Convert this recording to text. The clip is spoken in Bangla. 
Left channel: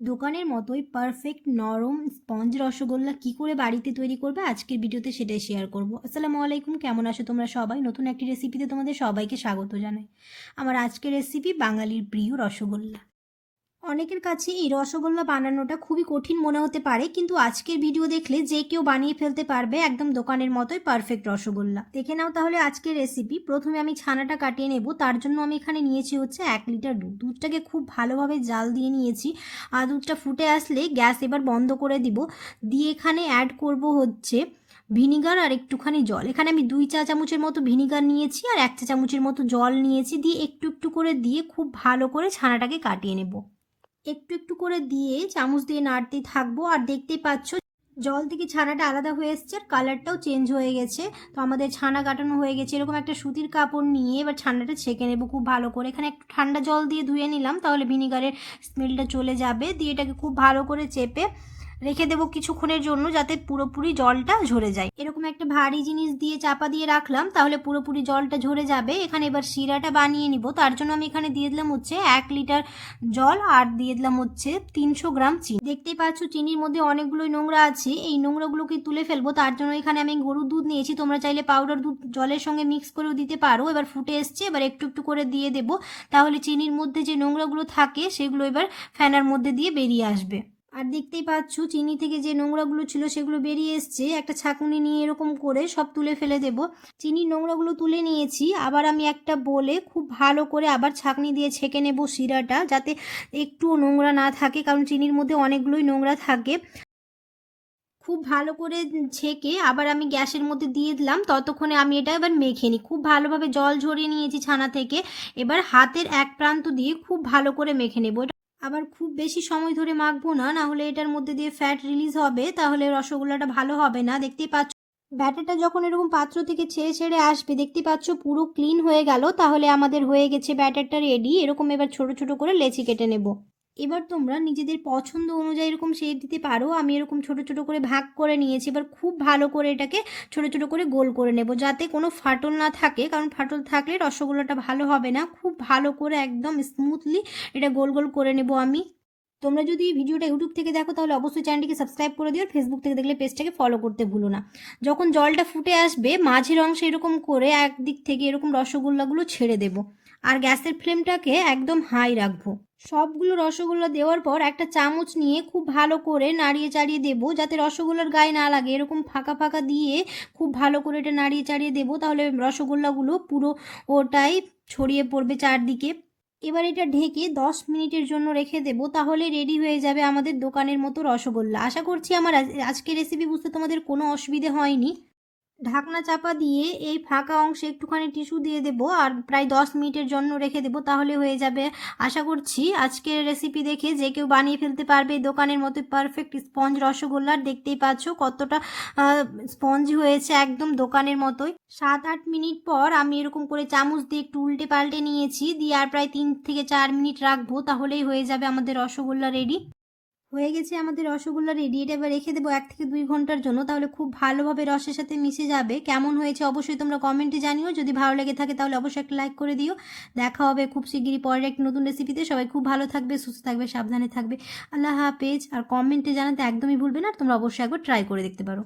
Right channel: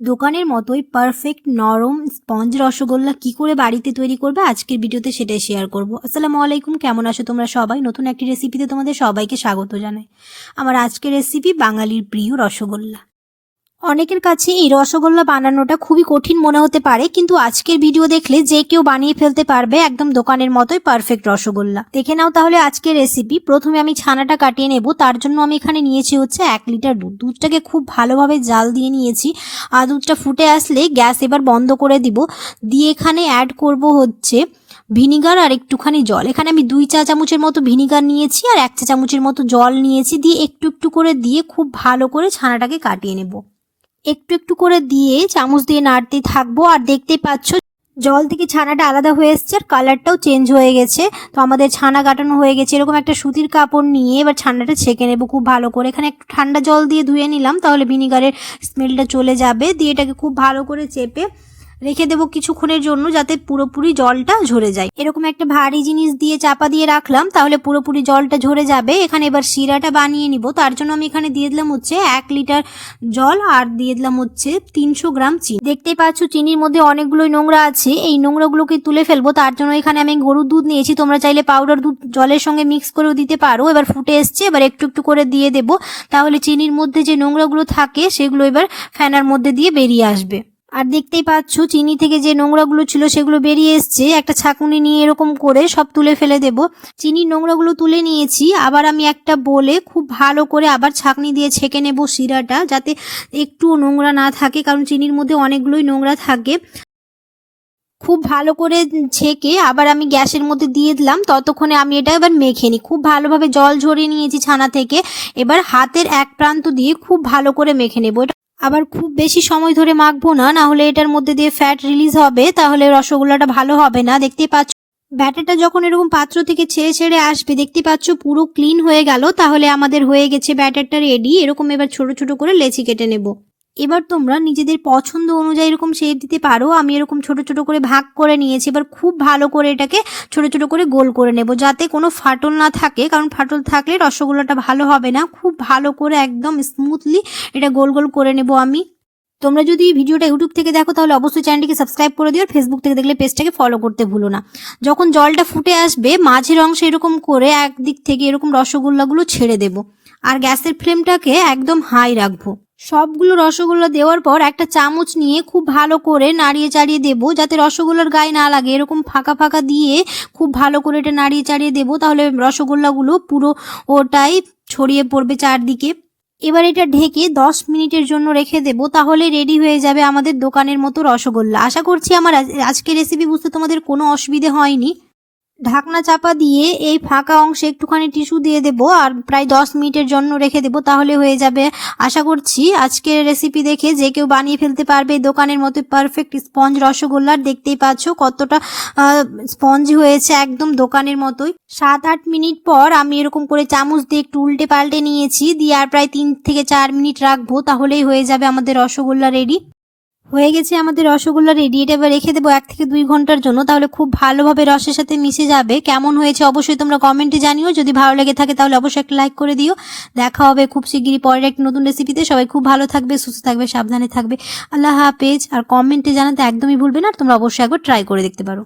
দোকানের মতোই পারফেক্ট নরম স্পঞ্জ রসগোল্লা কি করে বাড়িতে তৈরি করবে আজকের ভিডিওতে সেটাই শেয়ার করব। আসসালামু আলাইকুম, কেমন আছো তোমরা সবাই? নতুন একটি রেসিপিতে তোমাদের সবাইকে স্বাগত জানাই। আমার আজকের রেসিপি বাঙালির প্রিয় রসগোল্লা। অনেকের কাছে এই রসগোল্লা বানানোটা খুবই কঠিন মনে হতে পারে, কিন্তু আজকের ভিডিও দেখলে যে কেউ বানিয়ে ফেলতে পারবে একদম দোকানের মতোই পারফেক্ট রসগোল্লা। দেখে নাও তাহলে আজকের রেসিপি। প্রথমে আমি ছানাটা কাটিয়ে নেব, তার জন্য আমি এখানে নিয়েছি হচ্ছে 1 লিটার দুধ। দুধটাকে খুব ভালোভাবে জাল দিয়ে নিয়েছি। আর দুধটা ফুটে আসলে গ্যাস এবার বন্ধ করে দিব। দিয়ে এখানে অ্যাড করব হচ্ছে ভিনিগার আর একটুখানি জল। এখানে আমি 2 চা চামচের মতো ভিনিগার নিয়েছি আর 1 চা চামচের মতো জল নিয়েছি। দিয়ে একটু একটু করে দিয়ে খুব ভালো করে ছানাটাকে কাটিয়ে নেব। একটু একটু করে দিয়ে চামচ দিয়ে নাড়তে থাকবো। আর দেখতেই পাচ্ছ জল থেকে ছানাটা আলাদা হয়ে এসছে আর কালারটাও চেঞ্জ হয়ে গেছে। তো আমাদের ছানা কাটানো হয়ে গেছে। এরকম একটা সুতির কাপড় নিয়ে এবার ছানাটা ছেঁকে নেব খুব ভালো করে। এখানে একটু ঠান্ডা জল দিয়ে ধুয়ে নিলাম, তাহলে ভিনিগারের স্মেলটা চলে যাবে। দিয়ে এটাকে খুব ভালো করে চেপে রেখে দেবো কিছুক্ষণের জন্য, যাতে পুরোপুরি জলটা ঝরে যায়। এরকম একটা ভারী জিনিস দিয়ে চাপা দিয়ে রাখলাম, তাহলে পুরোপুরি জলটা ঝরে যাবে। এখানে এবার শিরাটা বানিয়ে নিব। তার জন্য আমি এখানে দিয়ে দিলাম হচ্ছে 1 লিটার জল আর দিয়ে দিলাম হচ্ছে 300 গ্রাম চিনি। দেখতেই পাচ্ছ চিনির মধ্যে অনেকগুলোই নোংরা আছে, এই নোংরাগুলোকে তুলে ফেলবো। তার জন্য এখানে আমি গরুর দুধ নিয়েছি, তোমরা চাইলে পাউডার দুধ জলের সঙ্গে মিক্স করেও দিতে পারো। এবার ফুটে এসছে, এবার একটু একটু করে দিয়ে দেবো, তাহলে চিনির মধ্যে যে নোংরাগুলো থাকে সেগুলো এবার ফ্যানার মধ্যে দিয়ে বেরিয়ে আসবে। আর দেখতেই পাচ্ছ চিনি থেকে যে নোংরাগুলো ছিল সেগুলো বেরিয়ে এসছে। একটা ছাঁকুনি নিয়ে এরকম করে সব তুলে ফেলে দেব। চিনির নোংরাগুলো তুলে নিয়েছি। আবার আমি একটা বলে খুব ভালো করে আবার ছাঁকনি দিয়ে ছেঁকে নেব শিরাটা, যাতে একটুও নোংরা না থাকে, কারণ চিনির মধ্যে অনেকগুলোই নোংরা থাকে। খুব ভালো করে ছেঁকে আবার আমি গ্যাসের মধ্যে দিয়ে দিলাম। ততক্ষণে আমি এটা এবার মেখে নিই। খুব ভালোভাবে জল ঝরিয়ে নিয়েছি ছানা থেকে। এবার হাতের এক প্রান্ত দিয়ে খুব ভালো করে মেখে নেব। আবার খুব বেশি সময় ধরে মাখবো না, না হলে এটার মধ্যে দিয়ে ফ্যাট রিলিজ হবে, তাহলে রসগোল্লাটা ভালো হবে না। দেখতেই পাচ্ছ ব্যাটারটা যখন এরকম পাত্র থেকে ছেড়ে ছেড়ে আসবে, দেখতে পাচ্ছ পুরো ক্লিন হয়ে গেল, তাহলে আমাদের হয়ে গেছে ব্যাটারটা রেডি। এরকম এবার ছোট ছোট করে লেচি কেটে নেব। এবার তোমরা নিজেদের পছন্দ অনুযায়ী এরকম শেপ দিতে পারো। আমি এরকম ছোট ছোট করে ভাগ করে নিয়েছি। এবার খুব ভালো করে এটাকে ছোট ছোট করে গোল করে নেব, যাতে কোনো ফাটল না থাকে, কারণ ফাটল থাকলে রসগোল্লাটা ভালো হবে না। খুব ভালো করে একদম স্মুথলি এটা গোল গোল করে নেব আমি। তোমরা যদি ভিডিওটা ইউটিউব থেকে দেখো তাহলে অবশ্যই চ্যানেলটিকে সাবস্ক্রাইব করে দিও। আর ফেসবুক থেকে দেখলে পেজটাকে ফলো করতে ভুলো না। যখন জলটা ফুটে আসবে, মাঝের অংশে এরকম করে একদিক থেকে এরকম রসগোল্লাগুলো ছেড়ে দেব। আর গ্যাসের ফ্লেমটাকে একদম হাই রাখবো। সবগুলো রসগোল্লা দেওয়ার পর একটা চামচ নিয়ে খুব ভালো করে নাড়িয়ে চাড়িয়ে দেবো, যাতে রসগোল্লার গায়ে না লাগে। এরকম ফাঁকা ফাঁকা দিয়ে খুব ভালো করে এটা নাড়িয়ে চাড়িয়ে দেবো, তাহলে রসগোল্লাগুলো পুরো ওটাই ছড়িয়ে পড়বে চারদিকে। এবার এটা ঢেকে 10 মিনিটের জন্য রেখে দেবো, তাহলে রেডি হয়ে যাবে আমাদের দোকানের মতো রসগোল্লা। আশা করছি আমার আজকের রেসিপি বুঝতে তোমাদের কোনো অসুবিধে হয়নি। ঢাকনা চাপা দিয়ে এই ফাঁকা অংশে একটুখানি টিস্যু দিয়ে দেবো আর প্রায় 10 মিনিটের জন্য রেখে দেবো, তাহলে হয়ে যাবে। আশা করছি আজকের রেসিপি দেখে যে কেউ বানিয়ে ফেলতে পারবে দোকানের মতো পারফেক্ট স্পঞ্জ রসগোল্লার। দেখতেই পাচ্ছ কতটা স্পঞ্জ হয়েছে, একদম দোকানের মতোই। 7-8 মিনিট পর আমি এরকম করে চামচ দিয়ে একটু উল্টে পাল্টে নিয়েছি। দিয়ে আর প্রায় 3 থেকে 4 মিনিট রাখবো, তাহলেই হয়ে যাবে আমাদের রসগোল্লা রেডি। হয়ে গেছে আমাদের রসগোল্লা রেডি। এটা এবার রেখে দেবো 1 থেকে 2 ঘন্টার জন্য, তাহলে খুব ভালোভাবে রসের সাথে মিশে যাবে। কেমন হয়েছে অবশ্যই তোমরা কমেন্টে জানিও। যদি ভালো লেগে থাকে তাহলে অবশ্যই একটা লাইক করে দিও। দেখা হবে খুব শিগগিরই পরের একটি নতুন রেসিপিতে। সবাই খুব ভালো থাকবে, সুস্থ থাকবে, সাবধানে থাকবে। আল্লাহ হাফেজ। আর কমেন্টে জানাতে একদমই ভুলবে না। তোমরা অবশ্যই একবার ট্রাই করে দেখতে পারো।